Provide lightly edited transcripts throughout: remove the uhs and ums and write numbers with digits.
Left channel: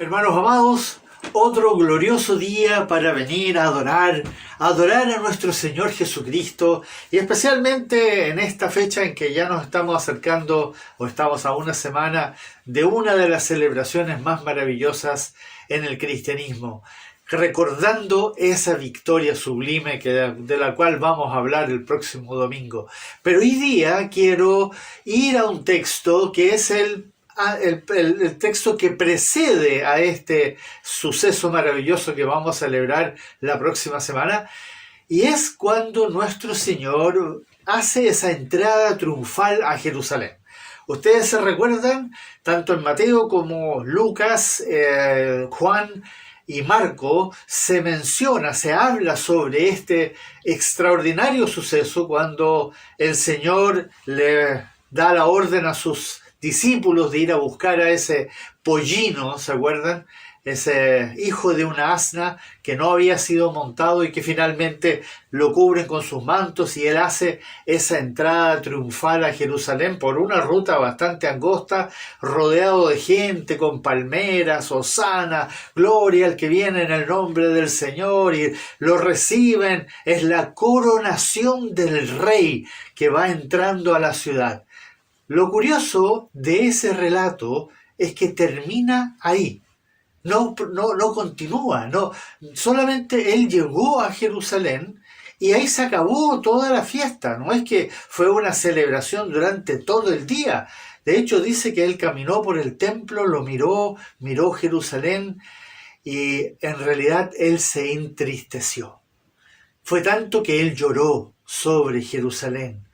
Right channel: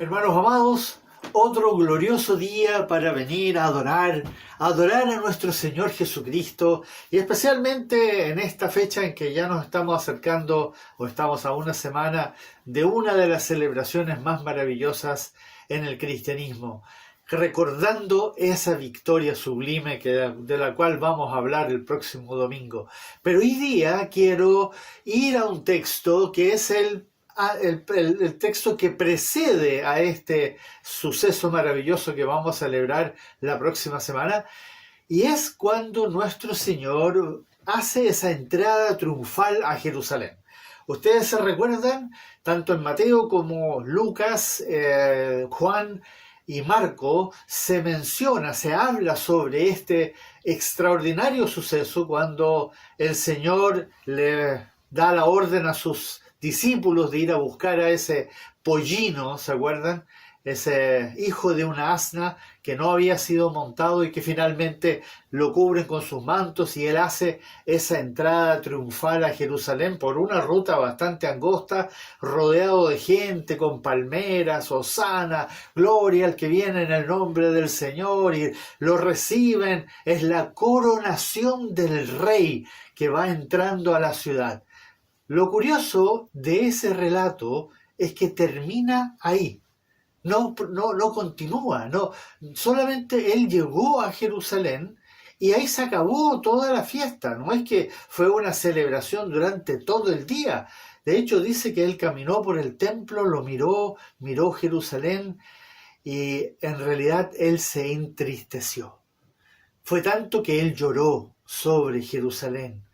Hermanos amados, otro glorioso día para venir a adorar a nuestro Señor Jesucristo, y especialmente en esta fecha en que ya nos estamos acercando o estamos a una semana de una de las celebraciones más maravillosas en el cristianismo, recordando esa victoria sublime de la cual vamos a hablar el próximo domingo. Pero hoy día quiero ir a un texto que es el texto que precede a este suceso maravilloso que vamos a celebrar la próxima semana, y es cuando nuestro Señor hace esa entrada triunfal a Jerusalén. Ustedes se recuerdan, tanto en Mateo como Lucas, Juan y Marco, se habla sobre este extraordinario suceso cuando el Señor le da la orden a sus discípulos de ir a buscar a ese pollino, ¿se acuerdan? Ese hijo de una asna que no había sido montado y que finalmente lo cubren con sus mantos, y él hace esa entrada triunfal a Jerusalén por una ruta bastante angosta, rodeado de gente con palmeras, hosana, gloria al que viene en el nombre del Señor, y lo reciben. Es la coronación del rey que va entrando a la ciudad. Lo curioso de ese relato es que termina ahí. No continúa, no. Solamente él llegó a Jerusalén y ahí se acabó toda la fiesta. No es que fue una celebración durante todo el día. De hecho, dice que él caminó por el templo, lo miró Jerusalén, y en realidad él se entristeció. Fue tanto que él lloró sobre Jerusalén,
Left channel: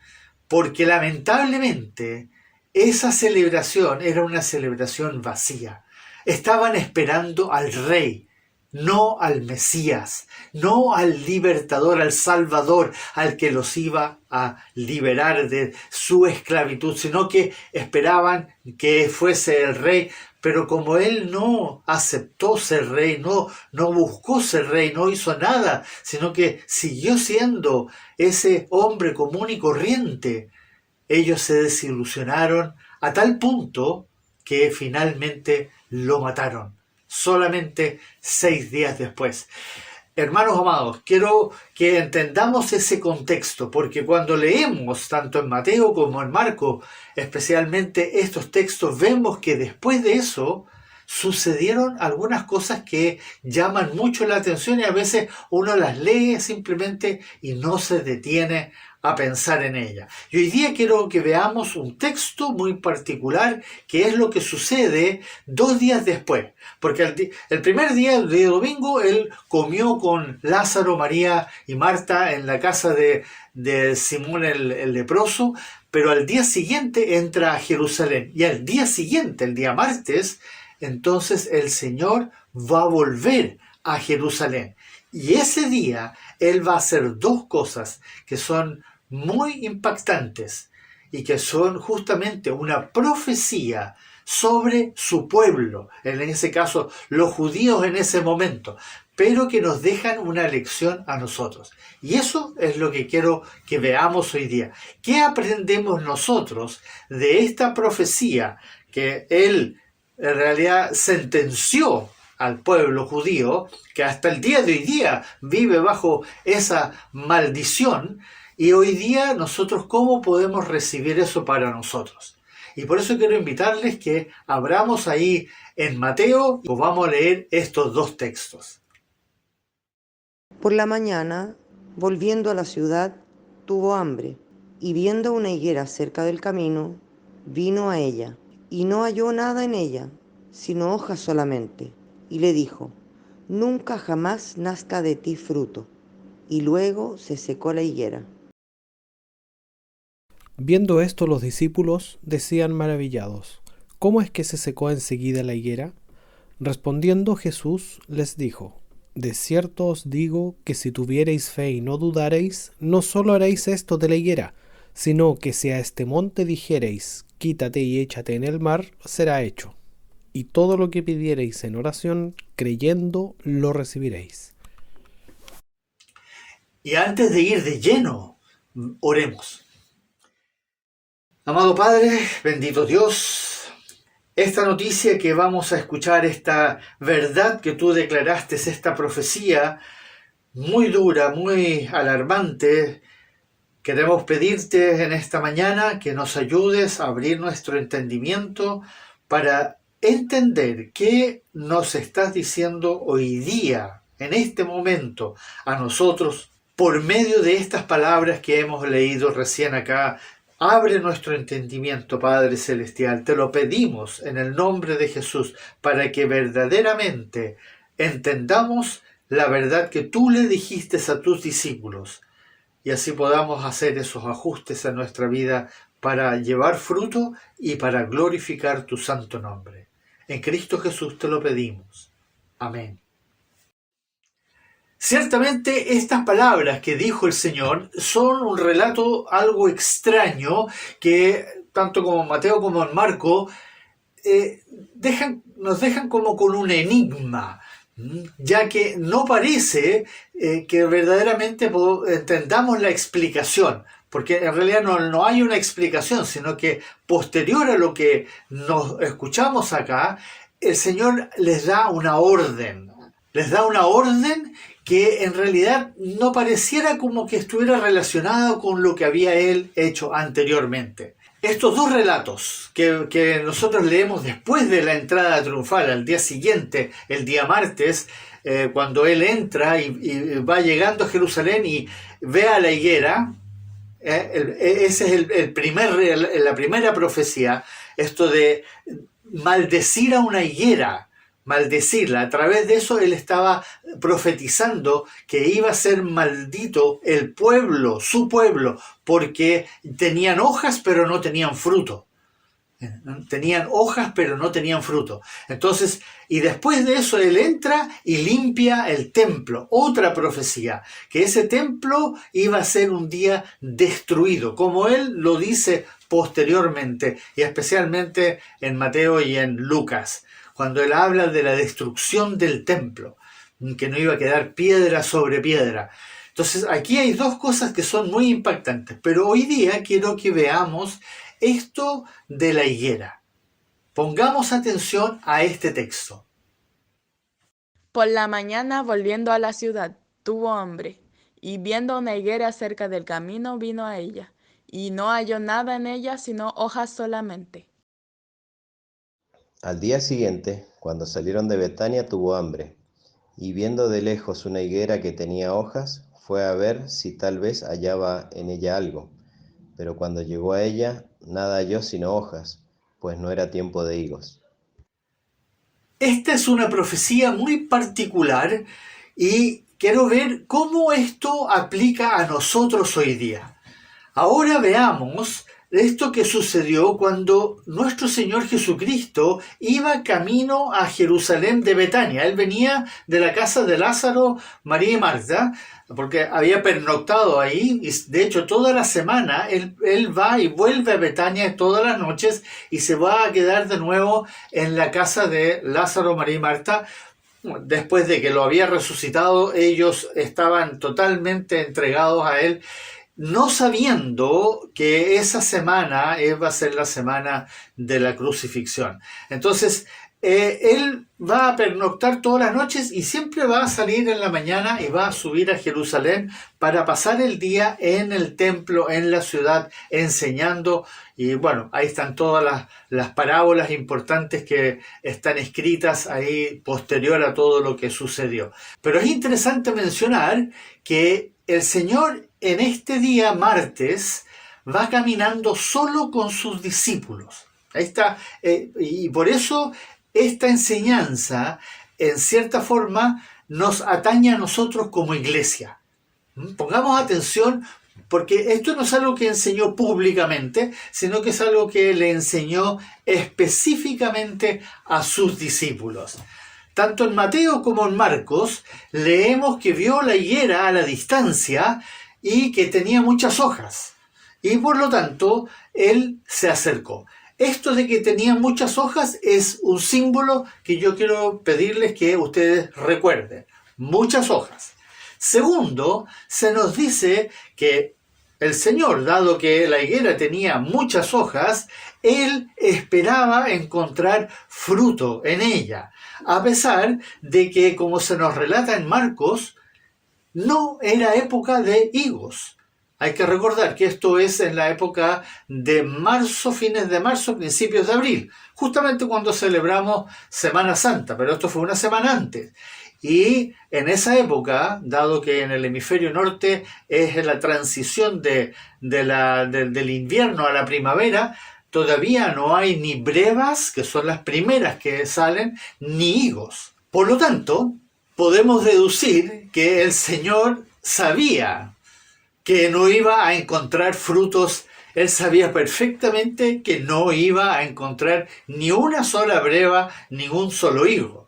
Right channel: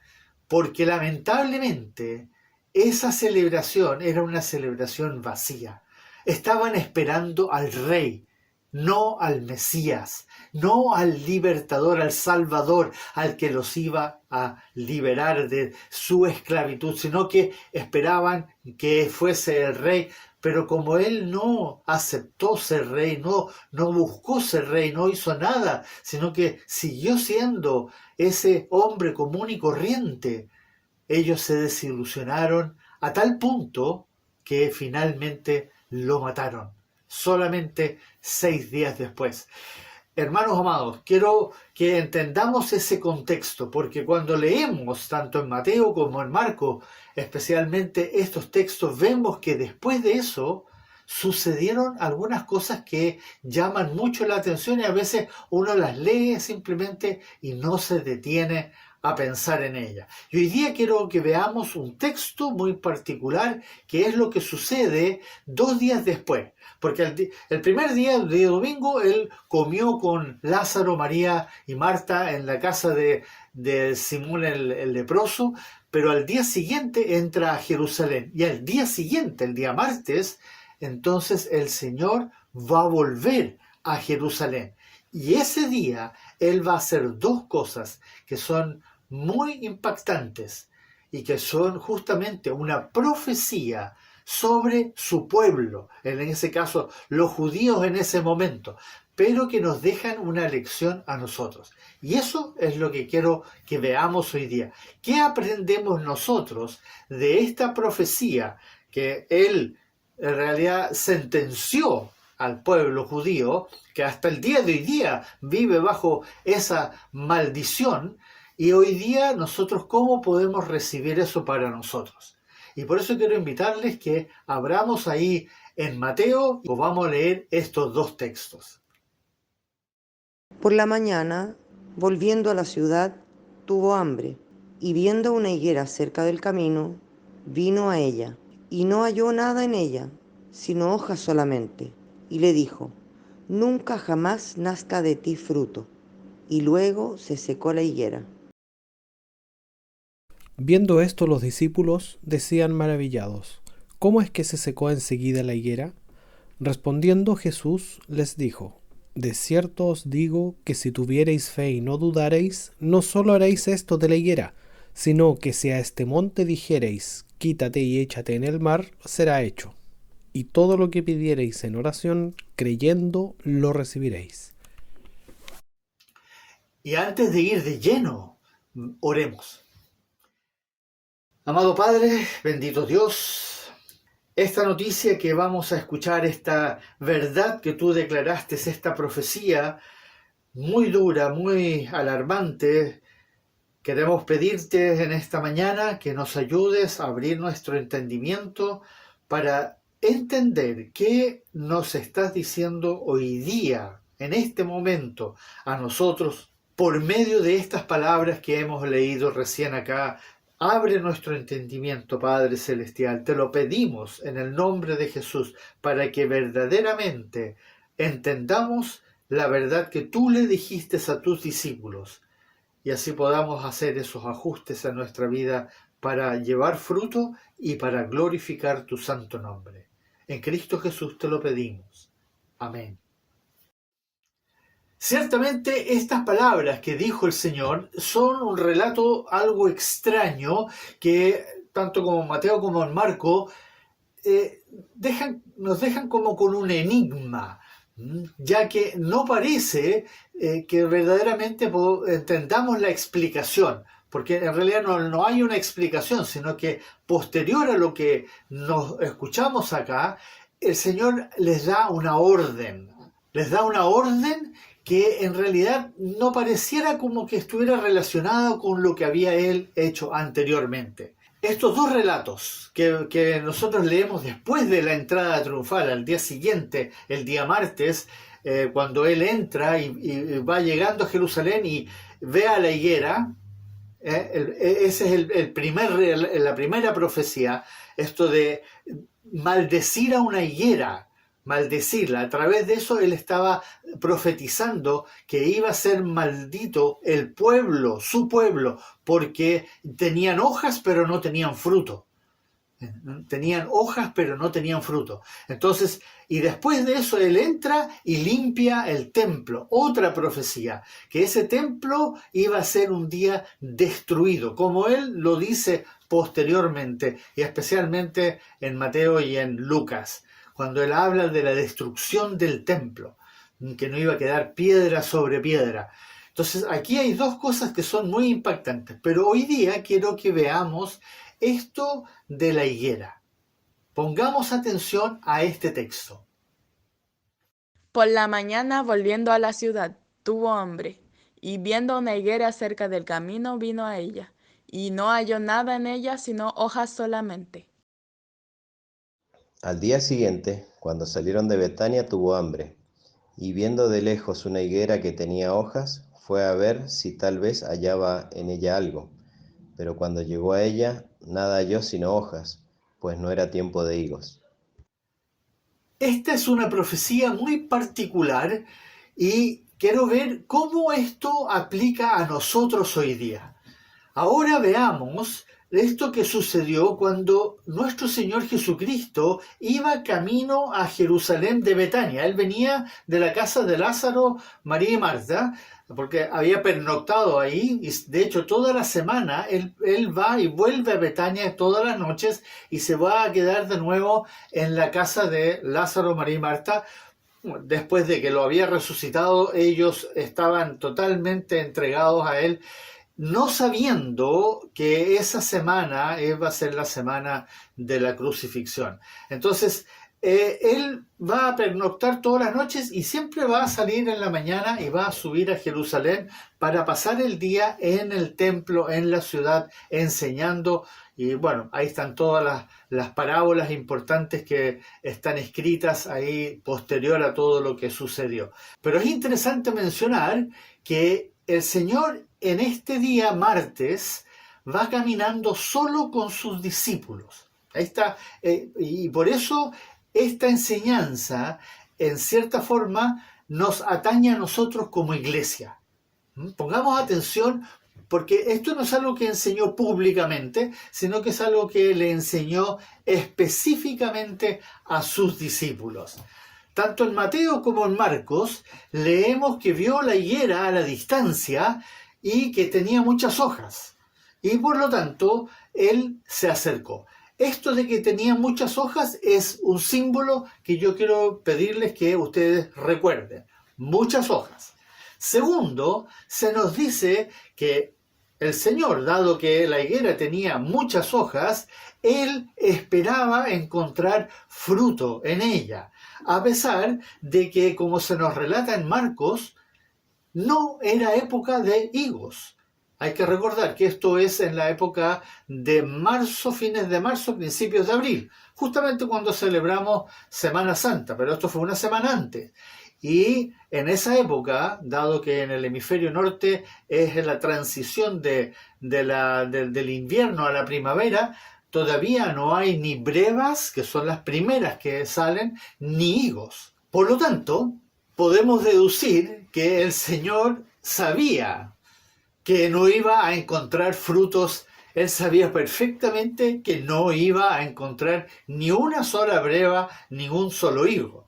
porque lamentablemente esa celebración era una celebración vacía. Estaban esperando al rey, no al Mesías, no al libertador, al Salvador, al que los iba a liberar de su esclavitud, sino que esperaban que fuese el rey. Pero como él no aceptó ser rey, no buscó ser rey, no hizo nada, sino que siguió siendo ese hombre común y corriente, ellos se desilusionaron a tal punto que finalmente lo mataron, solamente 6 días después. Hermanos amados, quiero que entendamos ese contexto, porque cuando leemos tanto en Mateo como en Marco, especialmente estos textos, vemos que después de eso sucedieron algunas cosas que llaman mucho la atención, y a veces uno las lee simplemente y no se detiene a pensar en ella. Y hoy día quiero que veamos un texto muy particular, que es lo que sucede 2 días después. Porque el primer día, el día domingo, él comió con Lázaro, María y Marta en la casa de Simón el leproso, pero al día siguiente entra a Jerusalén. Y al día siguiente, el día martes, entonces el Señor va a volver a Jerusalén. Y ese día él va a hacer 2 cosas que son muy impactantes y que son justamente una profecía sobre su pueblo, en ese caso los judíos en ese momento, pero que nos dejan una lección a nosotros. Y eso es lo que quiero que veamos hoy día. ¿Qué aprendemos nosotros de esta profecía que él en realidad sentenció al pueblo judío, que hasta el día de hoy día vive bajo esa maldición? Y hoy día nosotros, ¿cómo podemos recibir eso para nosotros? Y por eso quiero invitarles que abramos ahí en Mateo y vamos a leer estos 2 textos. Por la mañana, volviendo a la ciudad, tuvo hambre, y viendo una higuera cerca del camino, vino a ella, y no halló nada en ella, sino hojas solamente, y le dijo: nunca jamás nazca de ti fruto. Y luego se secó la higuera. Viendo esto, los discípulos decían maravillados: ¿cómo es que se secó enseguida la higuera? Respondiendo Jesús les dijo: de cierto os digo que si tuviereis fe y no dudareis, no solo haréis esto de la higuera, sino que si a este monte dijereis: quítate y échate en el mar, será hecho. Y todo lo que pidiereis en oración, creyendo, lo recibiréis. Y antes de ir de lleno, oremos. Amado Padre, bendito Dios, Esta noticia que vamos a escuchar, esta verdad que tú declaraste, esta profecía muy dura, muy alarmante, queremos pedirte en esta mañana que nos ayudes a abrir nuestro entendimiento para entender qué nos estás diciendo hoy día, en este momento, a nosotros, por medio de estas palabras que hemos leído recién acá. Abre nuestro entendimiento, Padre Celestial. Te lo pedimos en el nombre de Jesús para que verdaderamente entendamos la verdad que tú le dijiste a tus discípulos y así podamos hacer esos ajustes en nuestra vida para llevar fruto y para glorificar tu santo nombre. En Cristo Jesús te lo pedimos. Amén. Ciertamente estas palabras que dijo el Señor son un relato algo extraño que tanto como Mateo como en Marco nos dejan como con un enigma, ya que no parece que verdaderamente entendamos la explicación, porque en realidad no hay una explicación, sino que posterior a lo que nos escuchamos acá, el Señor les da una orden que en realidad no pareciera como que estuviera relacionado con lo que había él hecho anteriormente. Estos dos relatos que nosotros leemos después de la entrada triunfal, al día siguiente, el día martes, cuando él entra y va llegando a Jerusalén y ve a la higuera, esa es la primera profecía, esto de maldecir a una higuera, maldecirla. A través de eso él estaba profetizando que iba a ser maldito el pueblo, su pueblo, porque tenían hojas pero no tenían fruto. Tenían hojas pero no tenían fruto. Entonces, y después de eso él entra y limpia el templo. Otra profecía, que ese templo iba a ser un día destruido, como él lo dice posteriormente, y especialmente en Mateo y en Lucas, cuando él habla de la destrucción del templo, que no iba a quedar piedra sobre piedra. Entonces aquí hay dos cosas que son muy impactantes, pero hoy día quiero que veamos esto de la higuera. Pongamos atención a este texto. Por la mañana, volviendo a la ciudad, tuvo hambre, y viendo una higuera cerca del camino, vino a ella, y no halló nada en ella sino hojas solamente. Al día siguiente, cuando salieron de Betania, tuvo hambre, y viendo de lejos una higuera que tenía hojas, fue a ver si tal vez hallaba en ella algo. Pero cuando llegó a ella, nada halló sino hojas, pues no era tiempo de higos. Esta es una profecía muy particular y quiero ver cómo esto aplica a nosotros hoy día. Ahora veamos esto que sucedió cuando nuestro Señor Jesucristo iba camino a Jerusalén de Betania. Él venía de la casa de Lázaro, María y Marta, porque había pernoctado ahí, y de hecho toda la semana él va y vuelve a Betania todas las noches y se va a quedar de nuevo en la casa de Lázaro, María y Marta. Después de que lo había resucitado, ellos estaban totalmente entregados a él, no sabiendo que esa semana va a ser la semana de la crucifixión. Entonces, él va a pernoctar todas las noches y siempre va a salir en la mañana y va a subir a Jerusalén para pasar el día en el templo, en la ciudad, enseñando. Y bueno, ahí están todas las parábolas importantes que están escritas ahí posterior a todo lo que sucedió. Pero es interesante mencionar que el Señor en este día martes va caminando solo con sus discípulos. Ahí está, y por eso esta enseñanza, en cierta forma, nos atañe a nosotros como iglesia. Pongamos atención, porque esto no es algo que enseñó públicamente, sino que es algo que le enseñó específicamente a sus discípulos. Tanto en Mateo como en Marcos leemos que vio la higuera a la distancia y que tenía muchas hojas. Y por lo tanto, él se acercó. Esto de que tenía muchas hojas es un símbolo que yo quiero pedirles que ustedes recuerden. Muchas hojas. Segundo, se nos dice que el Señor, dado que la higuera tenía muchas hojas, Él esperaba encontrar fruto en ella, a pesar de que, como se nos relata en Marcos, no era época de higos. Hay que recordar que esto es en la época de marzo, fines de marzo, principios de abril, justamente cuando celebramos Semana Santa, pero esto fue una semana antes. Y en esa época, dado que en el hemisferio norte es la transición del invierno a la primavera, todavía no hay ni brevas, que son las primeras que salen, ni higos. Por lo tanto, podemos deducir que el Señor sabía que no iba a encontrar frutos. Él sabía perfectamente que no iba a encontrar ni una sola breva, ni un solo higo.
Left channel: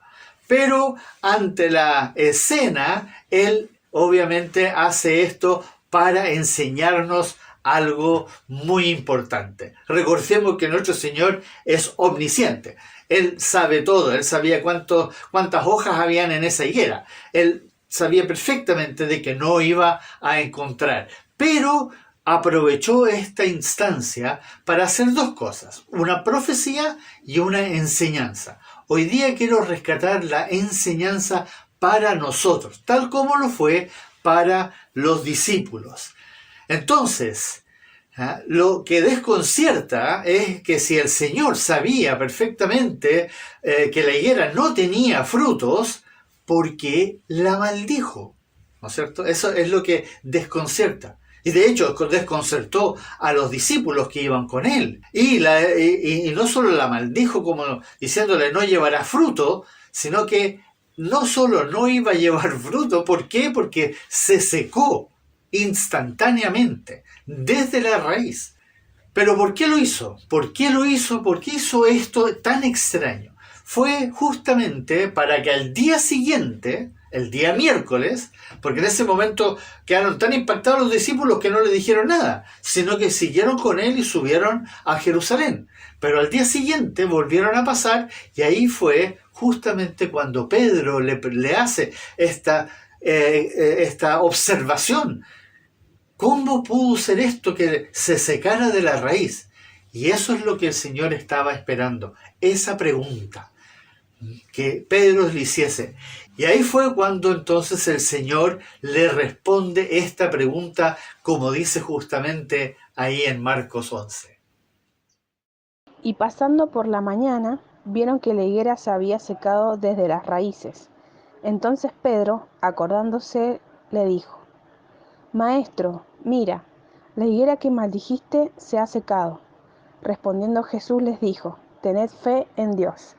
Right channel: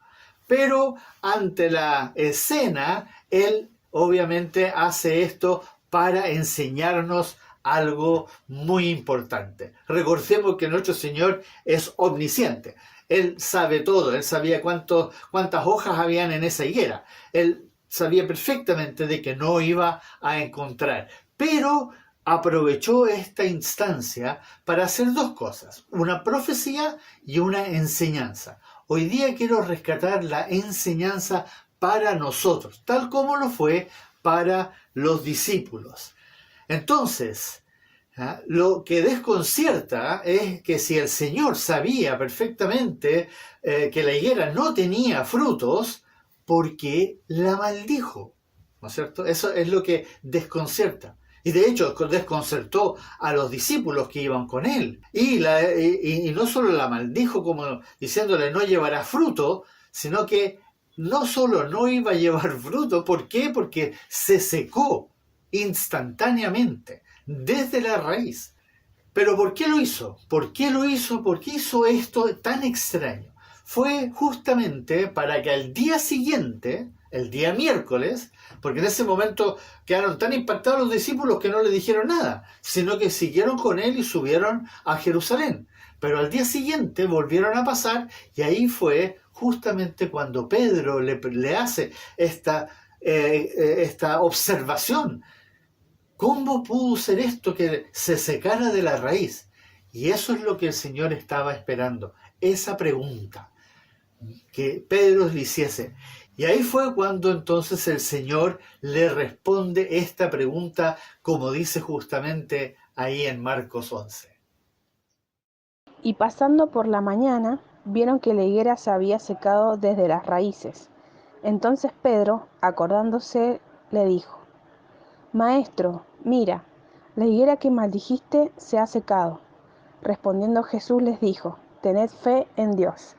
Pero ante la escena, Él obviamente hace esto para enseñarnos algo muy importante. Recordemos que nuestro Señor es omnisciente. Él sabe todo. Él sabía cuántas hojas habían en esa higuera. Él sabía perfectamente de que no iba a encontrar. Pero aprovechó esta instancia para hacer dos cosas: una profecía y una enseñanza. Hoy día quiero rescatar la enseñanza para nosotros, tal como lo fue para los discípulos. Entonces, lo que desconcierta es que si el Señor sabía perfectamente que la higuera no tenía frutos, ¿por qué la maldijo? ¿No es cierto? Eso es lo que desconcierta. Y de hecho desconcertó a los discípulos que iban con él. Y no solo la maldijo como diciéndole no llevará fruto, sino que no solo no iba a llevar fruto. ¿Por qué? Porque se secó instantáneamente, desde la raíz. ¿Pero por qué lo hizo? ¿Por qué lo hizo? ¿Por qué hizo esto tan extraño? Fue justamente para que al día siguiente, el día miércoles, porque en ese momento quedaron tan impactados los discípulos que no le dijeron nada, sino que siguieron con él y subieron a Jerusalén. Pero al día siguiente volvieron a pasar y ahí fue justamente cuando Pedro le hace esta observación. ¿Cómo pudo ser esto que se secara de la raíz? Y eso es lo que el Señor estaba esperando, esa pregunta que Pedro le hiciese. Y ahí fue cuando entonces el Señor le responde esta pregunta, como dice justamente ahí en Marcos 11. Y pasando por la mañana, vieron que la higuera se había secado desde las raíces. Entonces Pedro, acordándose, le dijo: Maestro, mira, la higuera que maldijiste se ha secado. Respondiendo Jesús les dijo: Tened fe en Dios.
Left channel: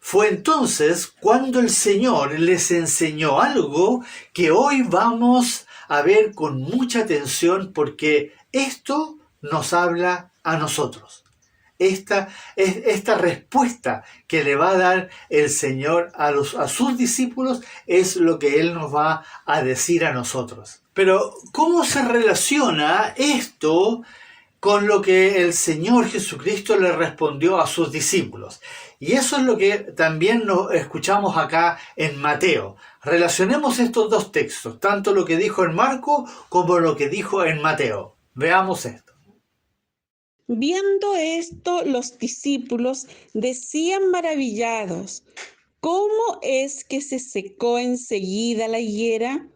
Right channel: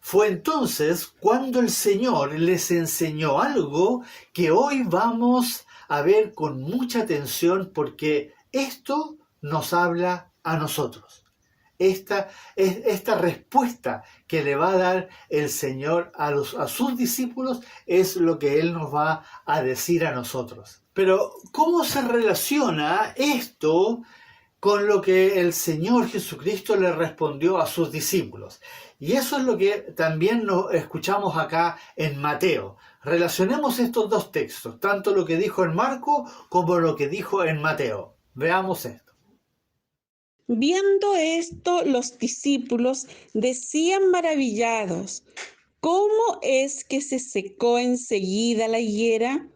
Fue entonces cuando el Señor les enseñó algo que hoy vamos a ver con mucha atención, porque esto nos habla a nosotros. Esta respuesta que le va a dar el Señor a sus discípulos es lo que Él nos va a decir a nosotros. Pero, ¿cómo se relaciona esto con lo que el Señor Jesucristo le respondió a sus discípulos? Y eso es lo que también nos escuchamos acá en Mateo. Relacionemos estos dos textos, tanto lo que dijo en Marcos como lo que dijo en Mateo. Veamos esto. Viendo esto, los discípulos decían maravillados: ¿cómo es que se secó enseguida la higuera?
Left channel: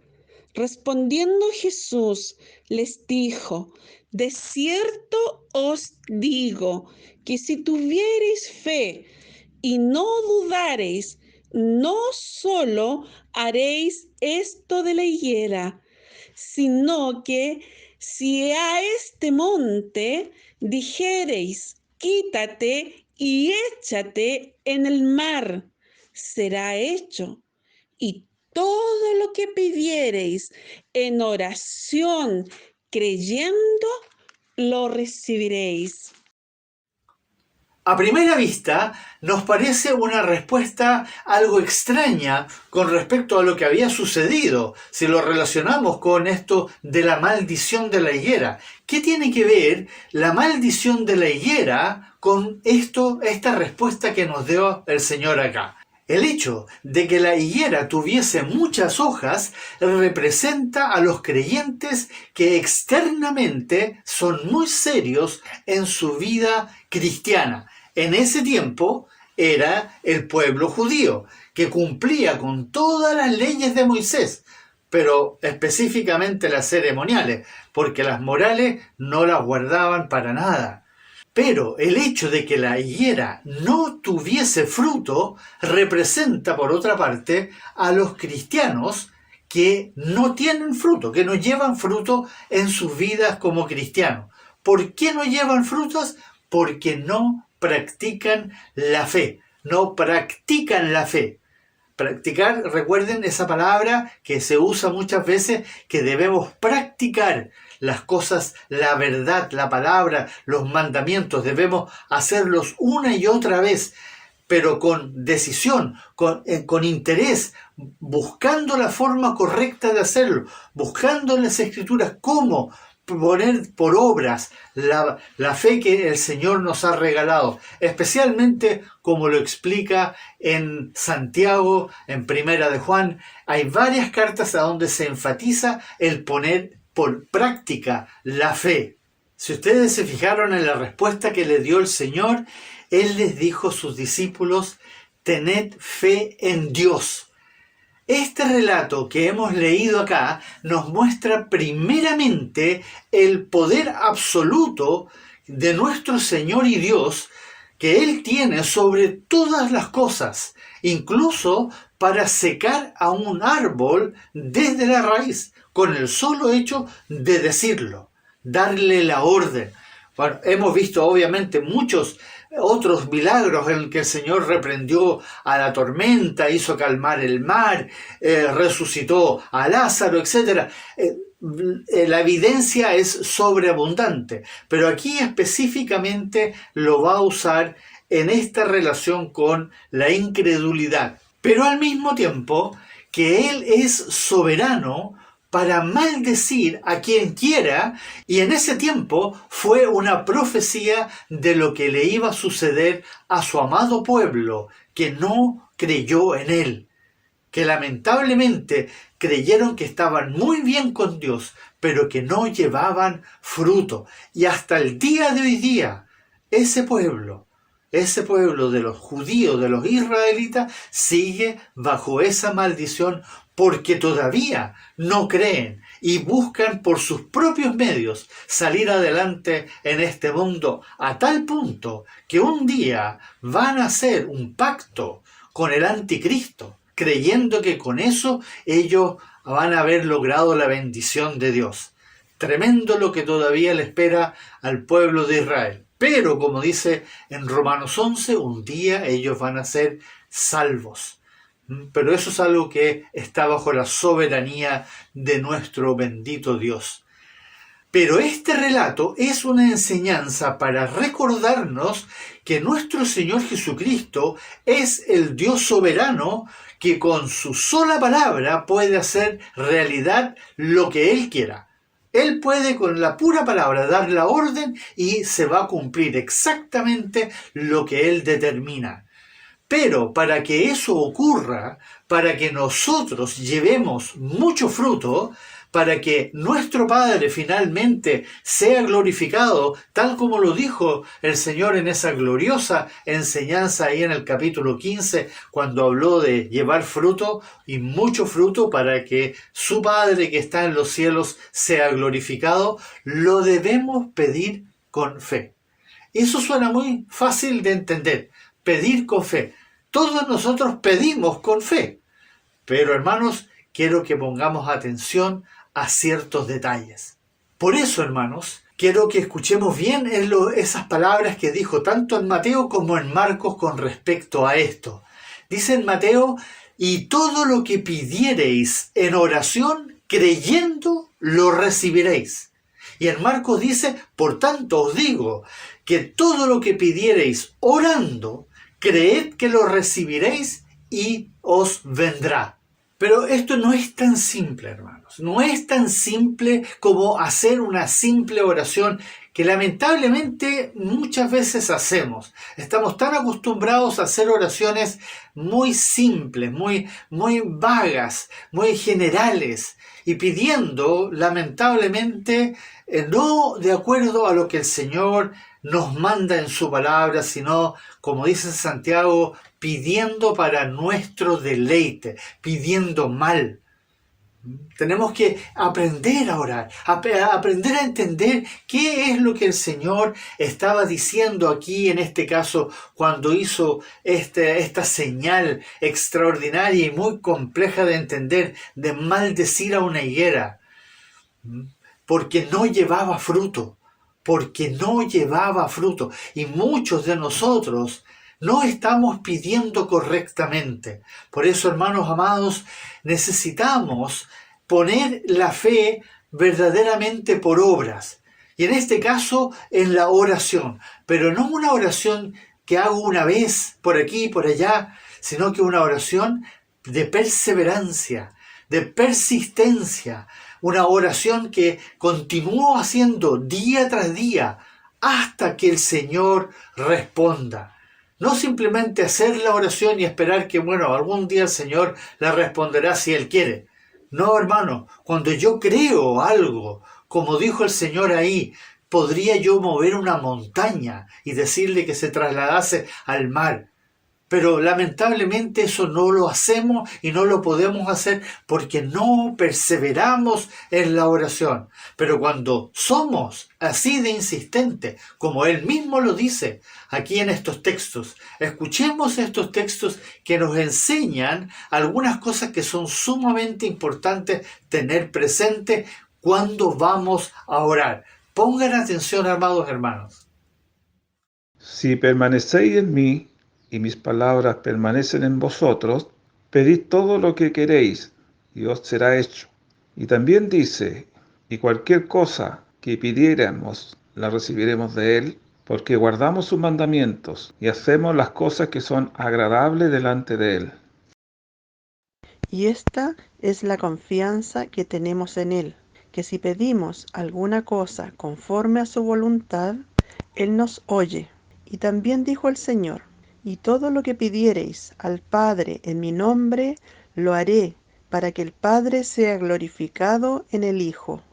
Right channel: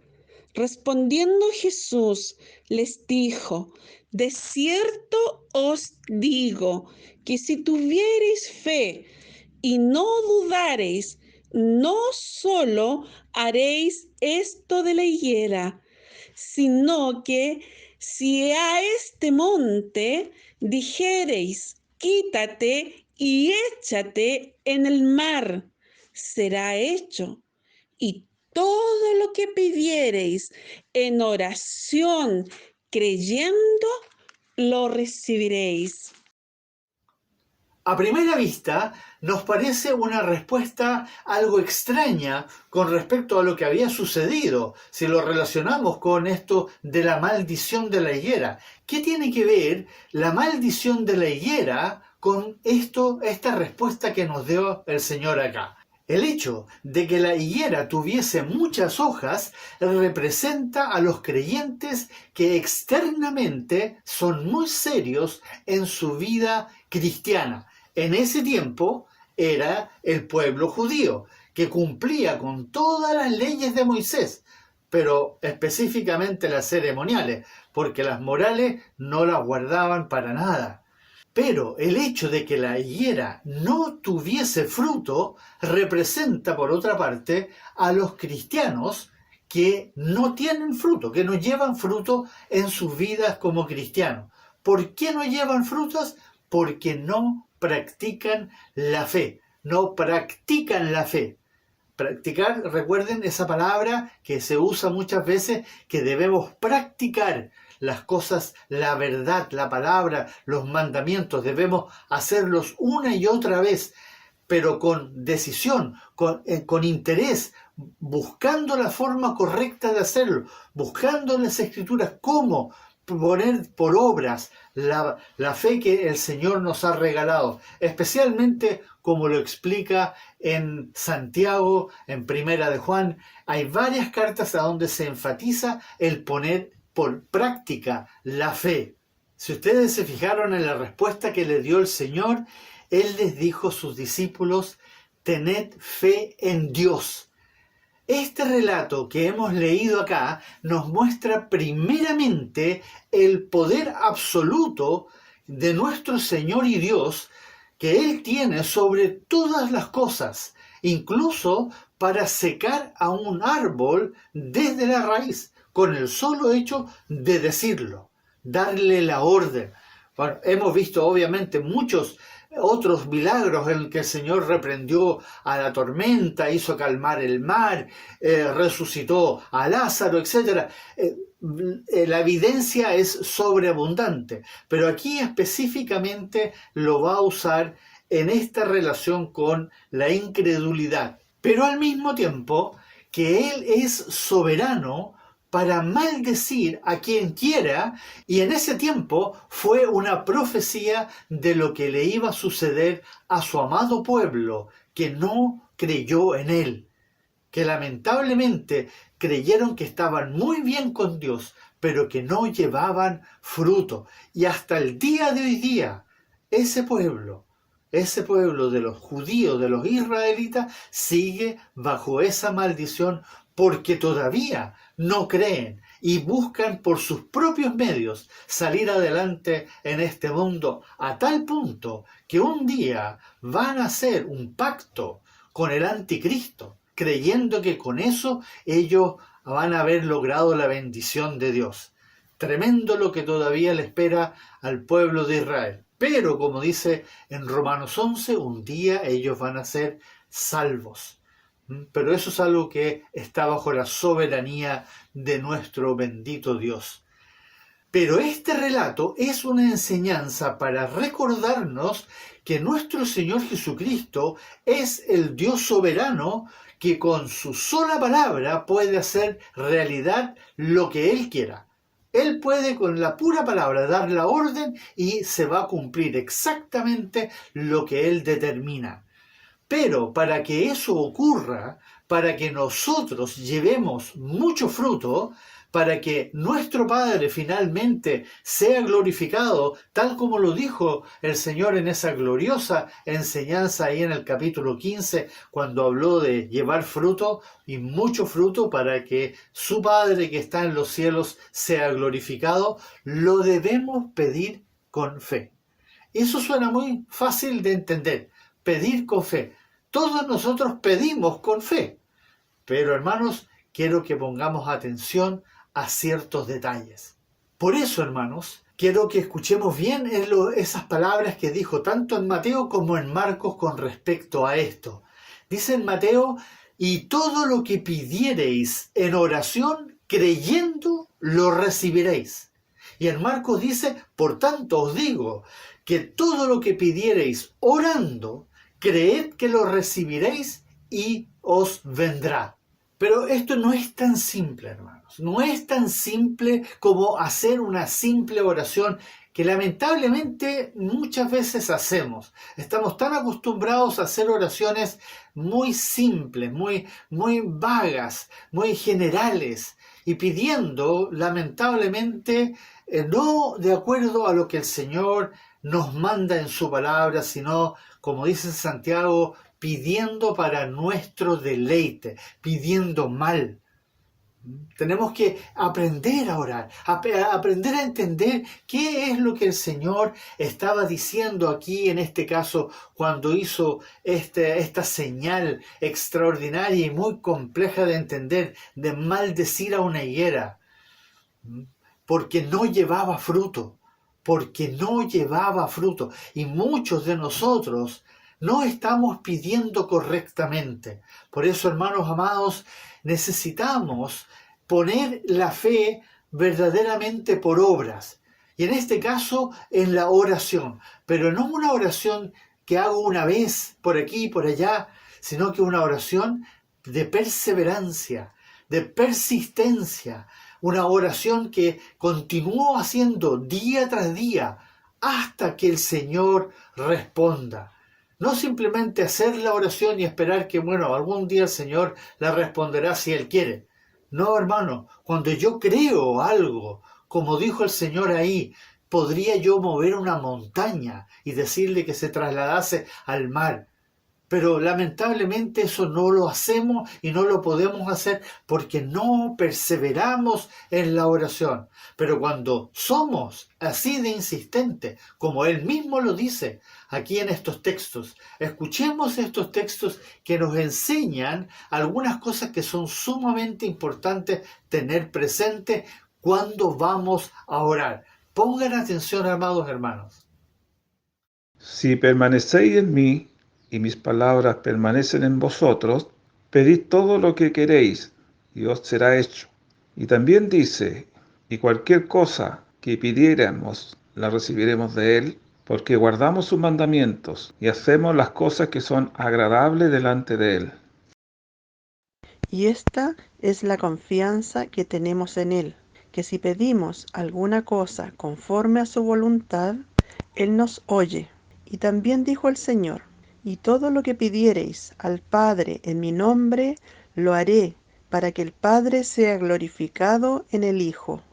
Respondiendo Jesús les dijo: de cierto os digo que si tuviereis fe y no dudareis, no solo haréis esto de la higuera, sino que si a este monte dijereis: quítate y échate en el mar, será hecho. Y todo lo que pidiereis en oración, creyendo, lo recibiréis. A primera vista, nos parece una respuesta algo extraña con respecto a lo que había sucedido, si lo relacionamos con esto de la maldición de la higuera. ¿Qué tiene que ver la maldición de la higuera con esta respuesta que nos dio el Señor acá? El hecho de que la higuera tuviese muchas hojas representa a los creyentes que externamente son muy serios en su vida cristiana. En ese tiempo era el pueblo judío, que cumplía con todas las leyes de Moisés, pero específicamente las ceremoniales, porque las morales no las guardaban para nada. Pero el hecho de que la higuera no tuviese fruto representa, por otra parte, a los cristianos que no tienen fruto, que no llevan fruto en sus vidas como cristianos. ¿Por qué no llevan frutos? Porque no practican la fe, no practican la fe. Practicar, recuerden esa palabra que se usa muchas veces, que debemos practicar las cosas, la verdad, la palabra, los mandamientos, debemos hacerlos una y otra vez, pero con decisión, con interés, buscando la forma correcta de hacerlo, buscando en las Escrituras cómo poner por obras la fe que el Señor nos ha regalado, especialmente como lo explica en Santiago, en Primera de Juan. Hay varias cartas a donde se enfatiza el poner por práctica la fe. Si ustedes se fijaron en la respuesta que le dio el Señor, Él les dijo a sus discípulos: tened fe en Dios. Este relato que hemos leído acá nos muestra primeramente el poder absoluto de nuestro Señor y Dios que Él tiene sobre todas las cosas, incluso para secar a un árbol desde la raíz, con el solo hecho de decirlo, darle la orden. Bueno, hemos visto obviamente muchos otros milagros en que el Señor reprendió a la tormenta, hizo calmar el mar, resucitó a Lázaro, etc. La evidencia es sobreabundante, pero aquí específicamente lo va a usar en esta relación con la incredulidad. Pero al mismo tiempo que Él es soberano para maldecir a quien quiera, y en ese tiempo fue una profecía de lo que le iba a suceder a su amado pueblo, que no creyó en Él, que lamentablemente creyeron que estaban muy bien con Dios, pero que no llevaban fruto. Y hasta el día de hoy día, ese pueblo de los judíos, de los israelitas, sigue bajo esa maldición, porque todavía no creen y buscan por sus propios medios salir adelante en este mundo, a tal punto que un día van a hacer un pacto con el anticristo, creyendo que con eso ellos van a haber logrado la bendición de Dios. Tremendo lo que todavía le espera al pueblo de Israel. Pero, como dice en Romanos 11, un día ellos van a ser salvos. Pero eso es algo que está bajo la soberanía de nuestro bendito Dios. Pero este relato es una enseñanza para recordarnos que nuestro Señor Jesucristo es el Dios soberano que con su sola palabra puede hacer realidad lo que Él quiera. Él puede con la pura palabra dar la orden y se va a cumplir exactamente lo que Él determina. Pero para que eso ocurra, para que nosotros llevemos mucho fruto, para que nuestro Padre finalmente sea glorificado, tal como lo dijo el Señor en esa gloriosa enseñanza ahí en el capítulo 15, cuando habló de llevar fruto y mucho fruto para que su Padre que está en los cielos sea glorificado, lo debemos pedir con fe. Eso suena muy fácil de entender, pedir con fe. Todos nosotros pedimos con fe, pero hermanos, quiero que pongamos atención a ciertos detalles. Por eso, hermanos, quiero que escuchemos bien esas palabras que dijo tanto en Mateo como en Marcos con respecto a esto. Dice en Mateo: y todo lo que pidiereis en oración, creyendo, lo recibiréis. Y en Marcos dice: por tanto os digo, que todo lo que pidiereis orando, creed que lo recibiréis y os vendrá. Pero esto no es tan simple, hermanos. No es tan simple como hacer una simple oración que lamentablemente muchas veces hacemos. Estamos tan acostumbrados a hacer oraciones muy simples, muy vagas, muy generales, y pidiendo lamentablemente no de acuerdo a lo que el Señor nos manda en su palabra, sino, como dice Santiago, pidiendo para nuestro deleite, pidiendo mal. Tenemos que aprender a orar, aprender a entender qué es lo que el Señor estaba diciendo aquí, en este caso, cuando hizo esta señal extraordinaria y muy compleja de entender, de maldecir a una higuera, porque no llevaba fruto, y muchos de nosotros no estamos pidiendo correctamente. Por eso, hermanos amados, necesitamos poner la fe verdaderamente por obras. Y en este caso, en la oración. Pero no una oración que hago una vez por aquí y por allá, sino que una oración de perseverancia, de persistencia. Una oración que continúo haciendo día tras día hasta que el Señor responda. No simplemente hacer la oración y esperar que, algún día el Señor la responderá si Él quiere. No, hermano, cuando yo creo algo, como dijo el Señor ahí, podría yo mover una montaña y decirle que se trasladase al mar. Pero lamentablemente eso no lo hacemos y no lo podemos hacer porque no perseveramos en la oración. Pero cuando somos así de insistentes, como Él mismo lo dice aquí en estos textos, escuchemos estos textos que nos enseñan algunas cosas que son sumamente importantes tener presente cuando vamos a orar. Pongan atención, amados hermanos. Si permanecéis en mí, y mis palabras permanecen en vosotros, pedid todo lo que queréis, y os será hecho. Y también dice, y cualquier cosa que pidiéramos, la recibiremos de Él, porque guardamos sus mandamientos, y hacemos las cosas que son agradables delante de Él. Y esta es la confianza que tenemos en Él, que si pedimos alguna cosa conforme a su voluntad, Él nos oye. Y también dijo el Señor, y todo lo que pidiereis al Padre en mi nombre, lo haré, para que el Padre sea glorificado en el Hijo.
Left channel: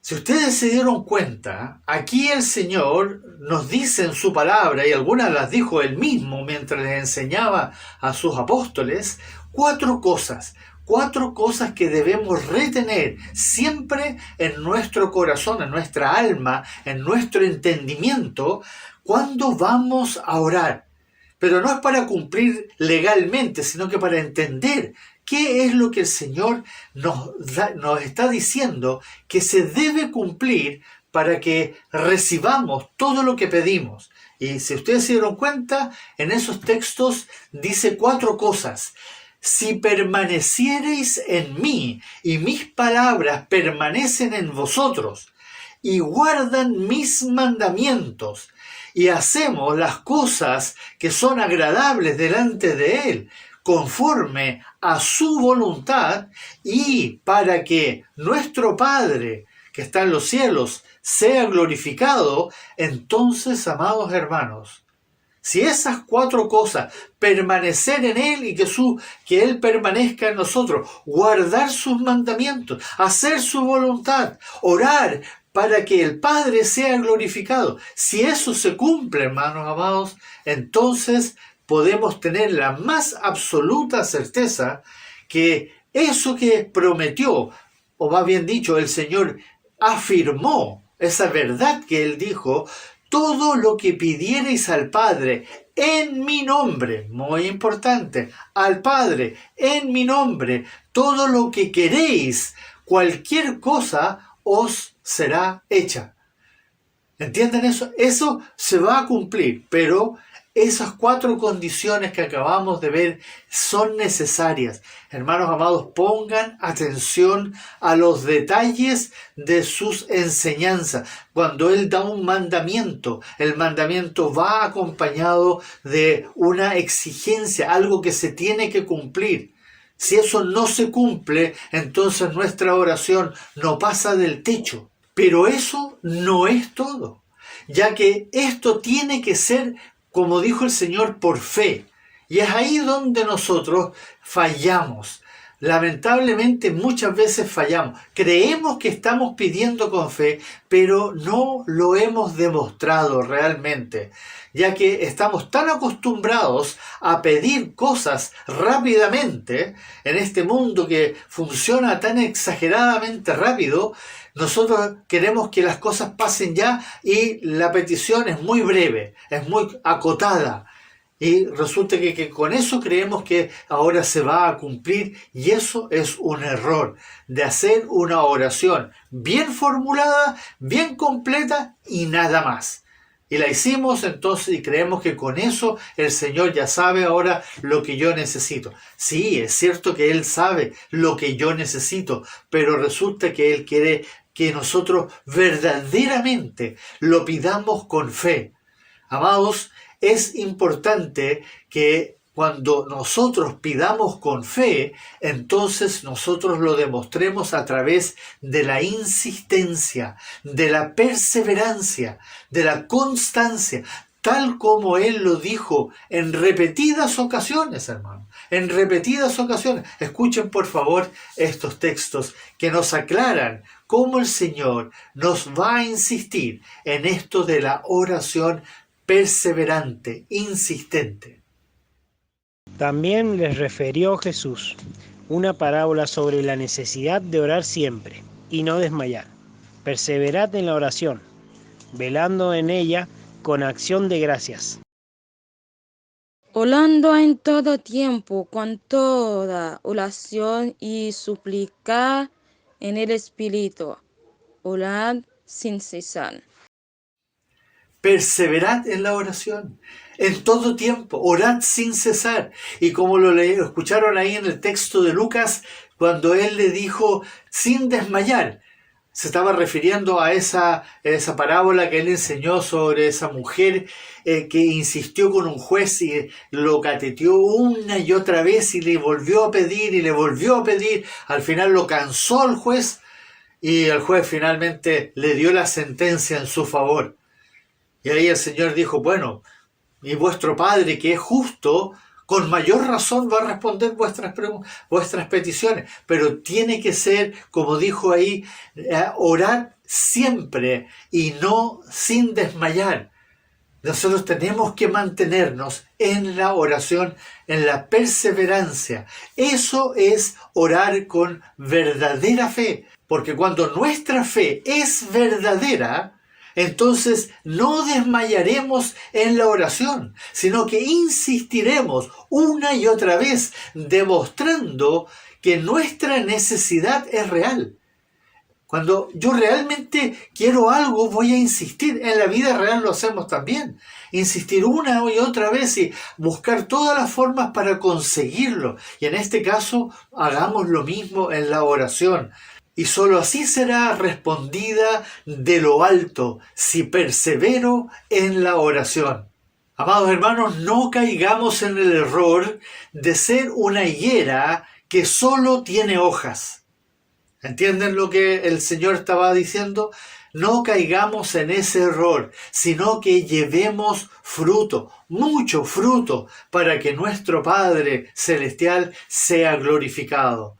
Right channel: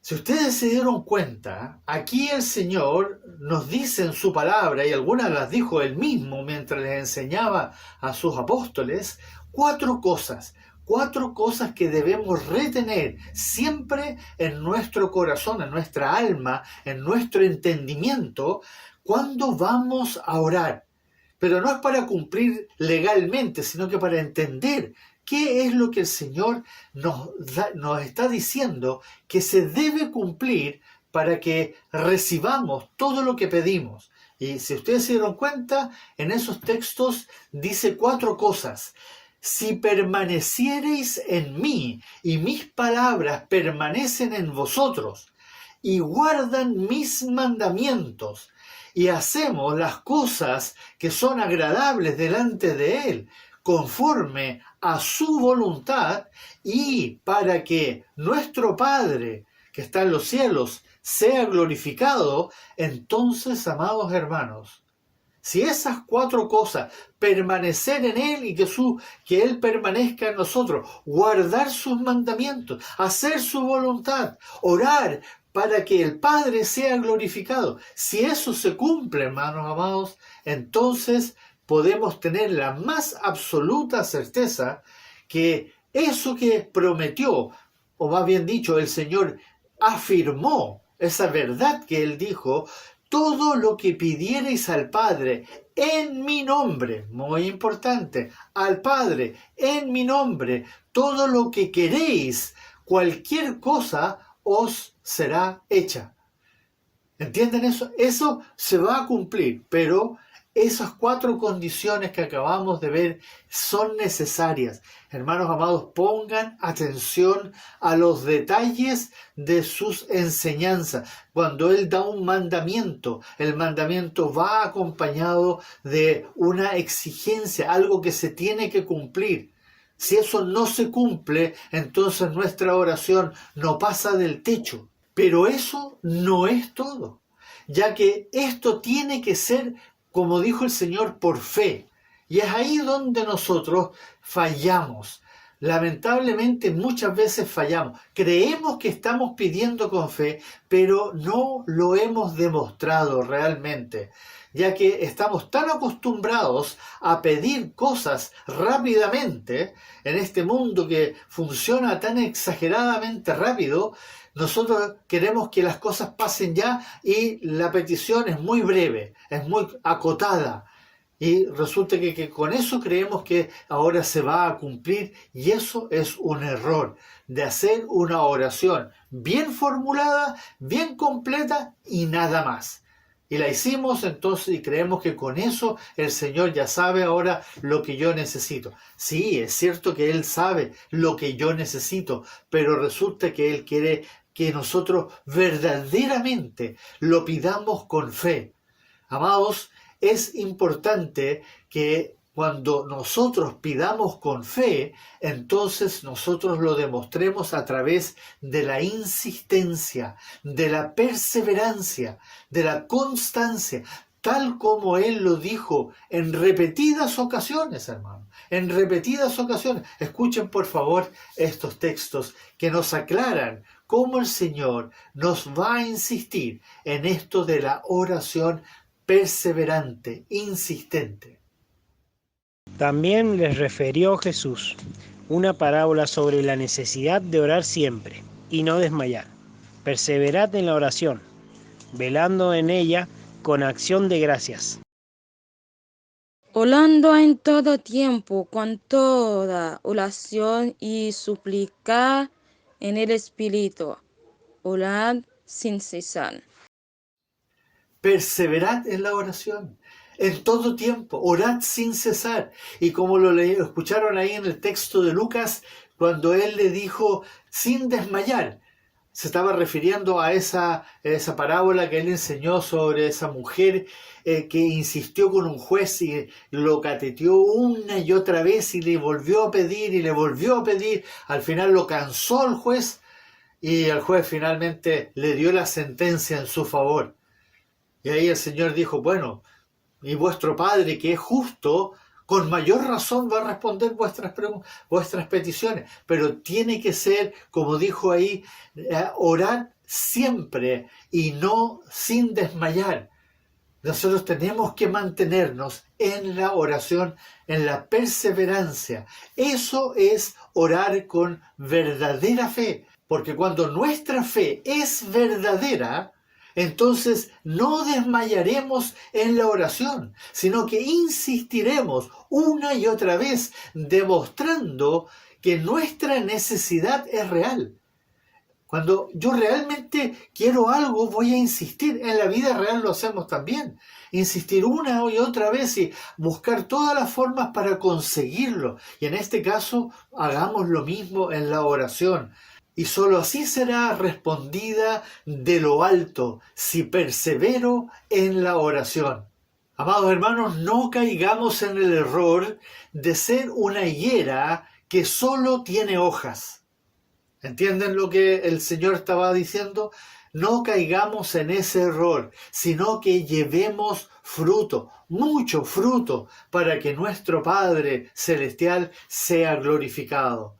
Si ustedes se dieron cuenta, aquí el Señor nos dice en su palabra, y algunas las dijo Él mismo mientras les enseñaba a sus apóstoles, cuatro cosas que debemos retener siempre en nuestro corazón, en nuestra alma, en nuestro entendimiento, cuando vamos a orar. Pero no es para cumplir legalmente, sino que para entender qué es lo que el Señor nos está diciendo que se debe cumplir para que recibamos todo lo que pedimos. Y si ustedes se dieron cuenta, en esos textos dice cuatro cosas. Si permaneciereis en mí y mis palabras permanecen en vosotros y guardan mis mandamientos y hacemos las cosas que son agradables delante de Él, conforme a su voluntad, y para que nuestro Padre que está en los cielos sea glorificado, entonces, amados hermanos, si esas cuatro cosas, permanecer en Él y que Él permanezca en nosotros, guardar sus mandamientos, hacer su voluntad, orar para que el Padre sea glorificado, si eso se cumple, hermanos amados, entonces podemos tener la más absoluta certeza que eso que prometió, o más bien dicho, el Señor afirmó, esa verdad que Él dijo, todo lo que pidiereis al Padre en mi nombre, muy importante, al Padre en mi nombre, todo lo que queréis, cualquier cosa os será hecha. ¿Entienden eso? Eso se va a cumplir, pero esas cuatro condiciones que acabamos de ver son necesarias. Hermanos amados, pongan atención a los detalles de sus enseñanzas. Cuando Él da un mandamiento, el mandamiento va acompañado de una exigencia, algo que se tiene que cumplir. Si eso no se cumple, entonces nuestra oración no pasa del techo. Pero eso no es todo, ya que esto tiene que ser, como dijo el Señor, por fe. Y es ahí donde nosotros fallamos. Lamentablemente muchas veces fallamos. Creemos que estamos pidiendo con fe, pero no lo hemos demostrado realmente, ya que estamos tan acostumbrados a pedir cosas rápidamente en este mundo que funciona tan exageradamente rápido. Nosotros queremos que las cosas pasen ya y la petición es muy breve, es muy acotada. Y resulta que con eso creemos que ahora se va a cumplir, y eso es un error, de hacer una oración bien formulada, bien completa y nada más. Y la hicimos entonces y creemos que con eso el Señor ya sabe ahora lo que yo necesito. Sí, es cierto que Él sabe lo que yo necesito, pero resulta que Él quiere que nosotros verdaderamente lo pidamos con fe. Amados, es importante que cuando nosotros pidamos con fe, entonces nosotros lo demostremos a través de la insistencia, de la perseverancia, de la constancia, tal como Él lo dijo en repetidas ocasiones, hermano, en repetidas ocasiones. Escuchen por favor estos textos que nos aclaran cómo el Señor nos va a insistir en esto de la oración perseverante, insistente. También les refirió Jesús una parábola sobre la necesidad de orar siempre y no desmayar. Perseverad en la oración, velando en ella con acción de gracias. Orando en todo tiempo, con toda oración y suplicar en el Espíritu. Orad sin cesar. Perseverad en la oración, en todo tiempo, orad sin cesar. Y como lo escucharon ahí en el texto de Lucas, cuando él le dijo sin desmayar, se estaba refiriendo a esa parábola que él enseñó sobre esa mujer que insistió con un juez y lo cateteó una y otra vez y le volvió a pedir y le volvió a pedir. Al final lo cansó el juez y el juez finalmente le dio la sentencia en su favor. Y ahí el Señor dijo, bueno, y vuestro Padre que es justo, con mayor razón va a responder vuestras peticiones. Pero tiene que ser, como dijo ahí, orar siempre y no sin desmayar. Nosotros tenemos que mantenernos en la oración, en la perseverancia. Eso es orar con verdadera fe. Porque cuando nuestra fe es verdadera, entonces no desmayaremos en la oración, sino que insistiremos una y otra vez, demostrando que nuestra necesidad es real. Cuando yo realmente quiero algo, voy a insistir. En la vida real lo hacemos también. Insistir una y otra vez y buscar todas las formas para conseguirlo. Y en este caso, hagamos lo mismo en la oración. Y sólo así será respondida de lo alto, si persevero en la oración. Amados hermanos, no caigamos en el error de ser una higuera que solo tiene hojas. ¿Entienden lo que el Señor estaba diciendo? No caigamos en ese error, sino que llevemos fruto, mucho fruto, para que nuestro Padre Celestial sea glorificado.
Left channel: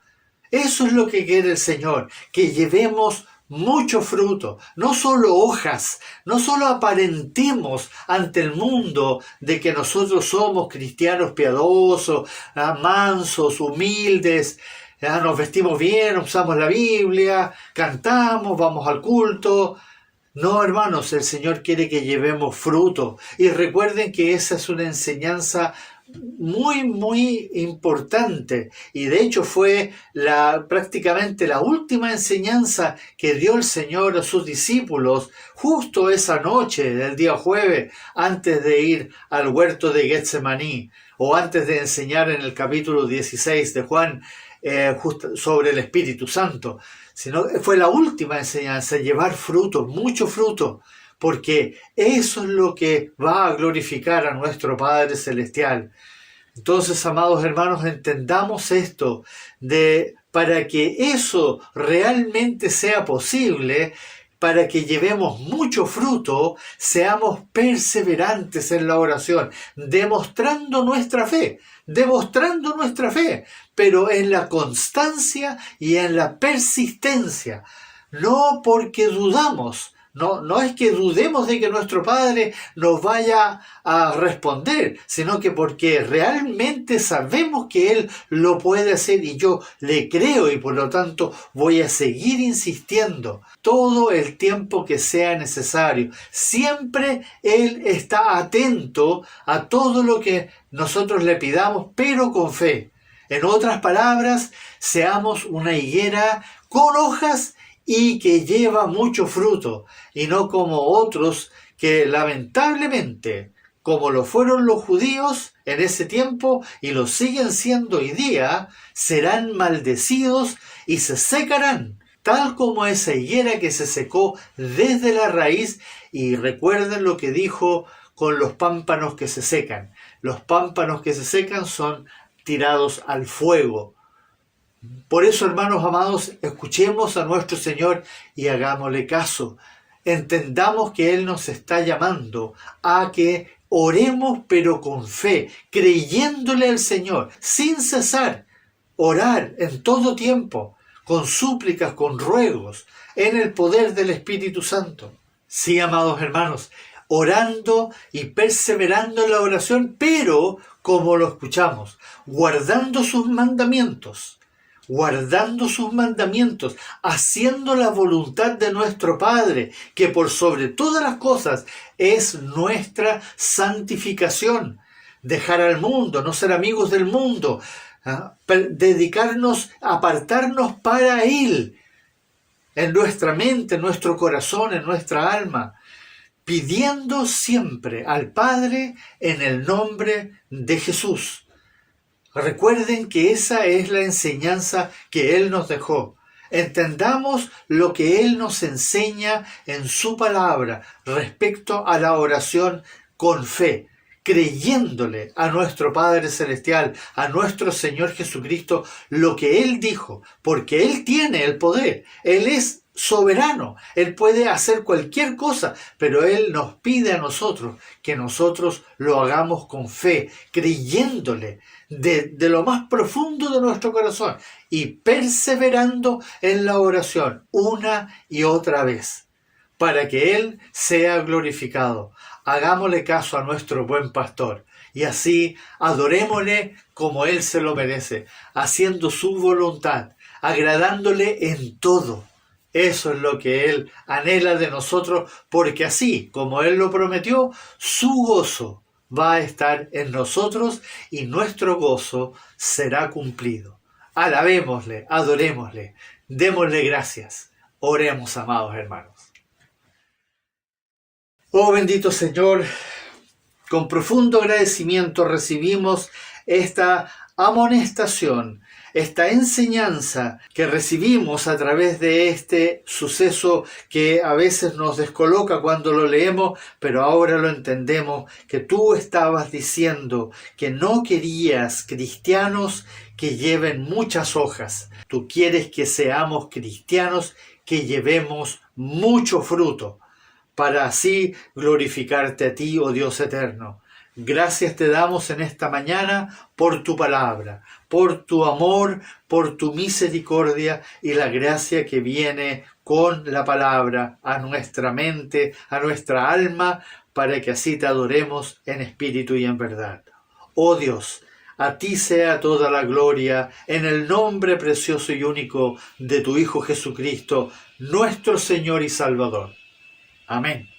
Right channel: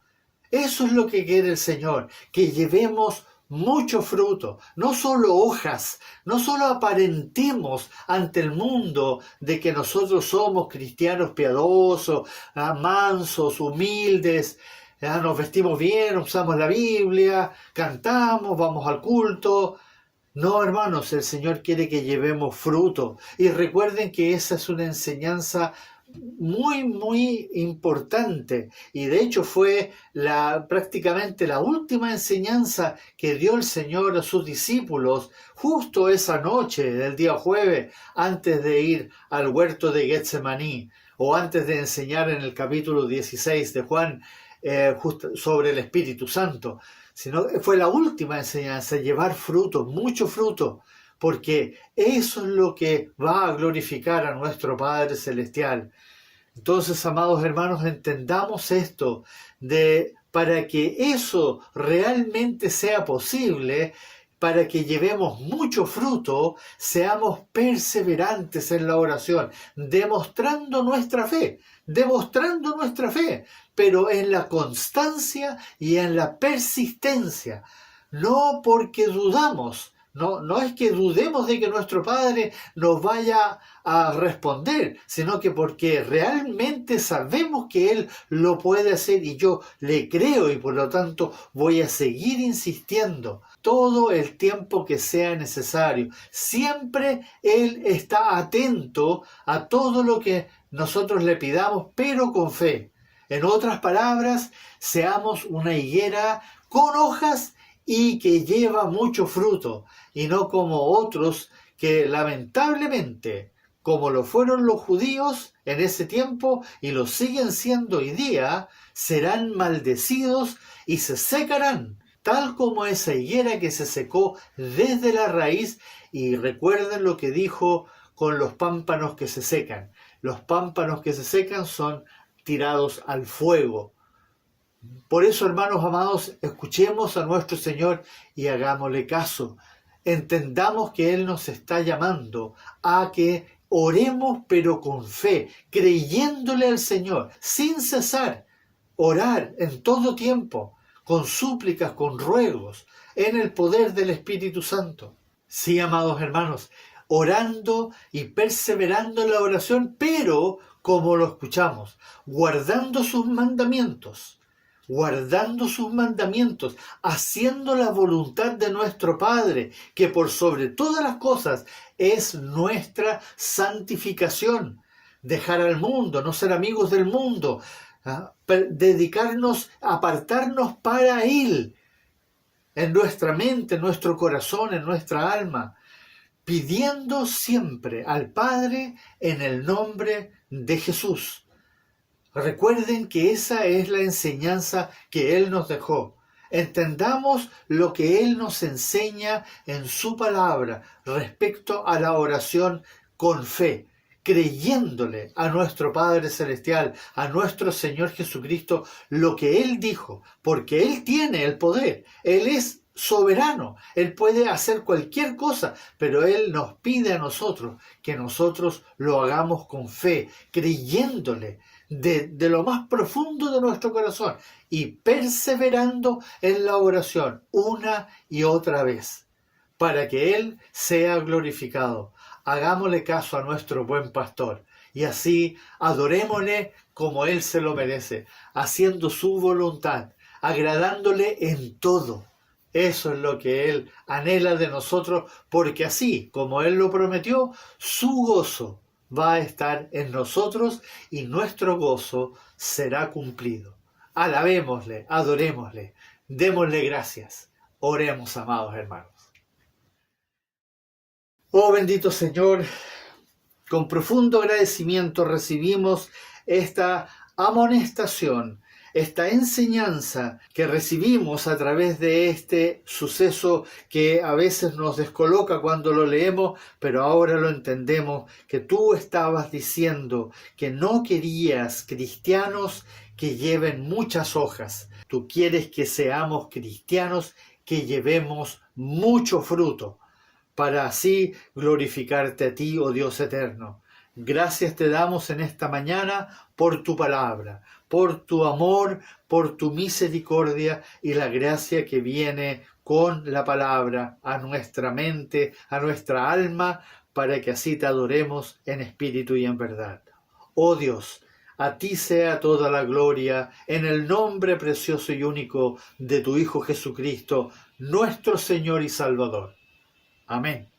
Eso es lo que quiere el Señor, que llevemos mucho fruto, no solo hojas, no solo aparentemos ante el mundo de que nosotros somos cristianos piadosos, mansos, humildes, nos vestimos bien, usamos la Biblia, cantamos, vamos al culto. No, hermanos, el Señor quiere que llevemos fruto. Y recuerden que esa es una enseñanza muy, muy importante. Y de hecho fue prácticamente la última enseñanza que dio el Señor a sus discípulos justo esa noche del día jueves, antes de ir al huerto de Getsemaní, o antes de enseñar en el capítulo 16 de Juan, justo sobre el Espíritu Santo. Sino fue la última enseñanza, llevar fruto, mucho fruto, porque eso es lo que va a glorificar a nuestro Padre Celestial. Entonces, amados hermanos, entendamos esto, para que eso realmente sea posible, para que llevemos mucho fruto, seamos perseverantes en la oración, demostrando nuestra fe, pero en la constancia y en la persistencia, no porque dudamos. No es que dudemos de que nuestro Padre nos vaya a responder, sino que porque realmente sabemos que Él lo puede hacer y yo le creo y por lo tanto voy a seguir insistiendo todo el tiempo que sea necesario. Siempre Él está atento a todo lo que nosotros le pidamos, pero con fe. En otras palabras, seamos una higuera con hojas y que lleva mucho fruto, y no como otros que lamentablemente, como lo fueron los judíos en ese tiempo y lo siguen siendo hoy día, serán maldecidos y se secarán, tal como esa higuera que se secó desde la raíz. Y recuerden lo que dijo con los pámpanos que se secan. Los pámpanos que se secan son tirados al fuego. Por eso, hermanos amados, escuchemos a nuestro Señor y hagámosle caso. Entendamos que Él nos está llamando a que oremos pero con fe, creyéndole al Señor, sin cesar. Orar en todo tiempo, con súplicas, con ruegos, en el poder del Espíritu Santo. Sí, amados hermanos, orando y perseverando en la oración, pero, como lo escuchamos, guardando sus mandamientos, haciendo la voluntad de nuestro Padre, que por sobre todas las cosas es nuestra santificación. Dejar al mundo, no ser amigos del mundo, dedicarnos, apartarnos para Él, en nuestra mente, en nuestro corazón, en nuestra alma, pidiendo siempre al Padre en el nombre de Jesús. Recuerden que esa es la enseñanza que Él nos dejó. Entendamos lo que Él nos enseña en su palabra respecto a la oración con fe, creyéndole a nuestro Padre Celestial, a nuestro Señor Jesucristo, lo que Él dijo, porque Él tiene el poder, Él es soberano, Él puede hacer cualquier cosa, pero Él nos pide a nosotros que nosotros lo hagamos con fe, creyéndole de lo más profundo de nuestro corazón y perseverando en la oración una y otra vez, para que Él sea glorificado. Hagámosle caso a nuestro buen pastor y así adorémosle como Él se lo merece, haciendo su voluntad, agradándole en todo. Eso es lo que Él anhela de nosotros, porque así como Él lo prometió, su gozo va a estar en nosotros y nuestro gozo será cumplido. Alabémosle, adorémosle, démosle gracias. Oremos, amados hermanos. Oh bendito Señor, con profundo agradecimiento recibimos esta amonestación, esta enseñanza que recibimos a través de este suceso que a veces nos descoloca cuando lo leemos, pero ahora lo entendemos, que tú estabas diciendo que no querías cristianos que lleven muchas hojas. Tú quieres que seamos cristianos que llevemos mucho fruto, para así glorificarte a ti, oh Dios eterno. Gracias te damos en esta mañana por tu palabra, por tu amor, por tu misericordia y la gracia que viene con la palabra a nuestra mente, a nuestra alma, para que así te adoremos en espíritu y en verdad. Oh Dios, a ti sea toda la gloria en el nombre precioso y único de tu Hijo Jesucristo, nuestro Señor y Salvador. Amén.